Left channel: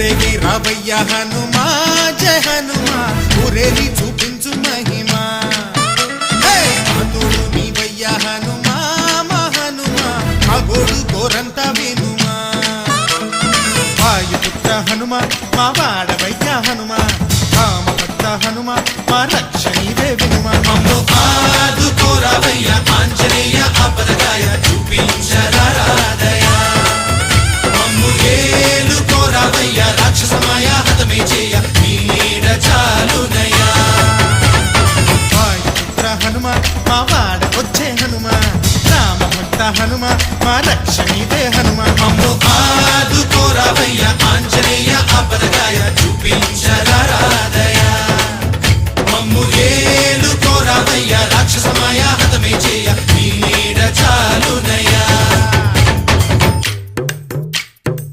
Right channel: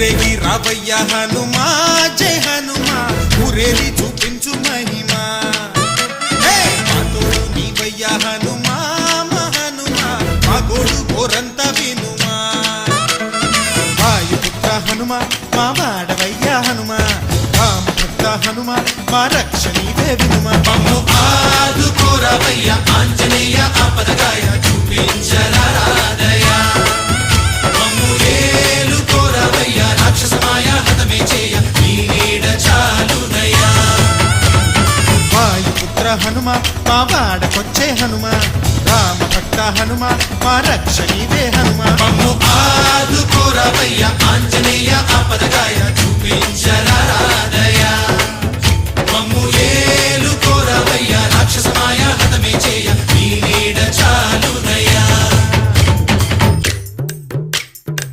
ఊరేగి రావయ్య హనుమా జయ హనుమా ఊరేగి చూపించు మహిమా తోడు నీవయ్య హనుమా మా హనుమా మా గోడు కోరంత వినుమా వాయుపుత్ర హనుమా మా వాడవయ్య హనుమా రామభక్త హనుమా మా రక్షణీవే వినుమా మమ్ము ఆదుకోరావయ్య ఆంజనేయ ఆపదగాయ చూపించరాదయ మమ్ము ఏలుకోరావయ్య రాక్షసమాయ హతమే చేయ నీడ చాలుదయ వాయుపుత్ర హనుమా మా వాడవచ్చే హనుమా రామభక్త హనుమా మా రక్షణీవే హనుమా మమ్ము ఆదుకోరావయ్య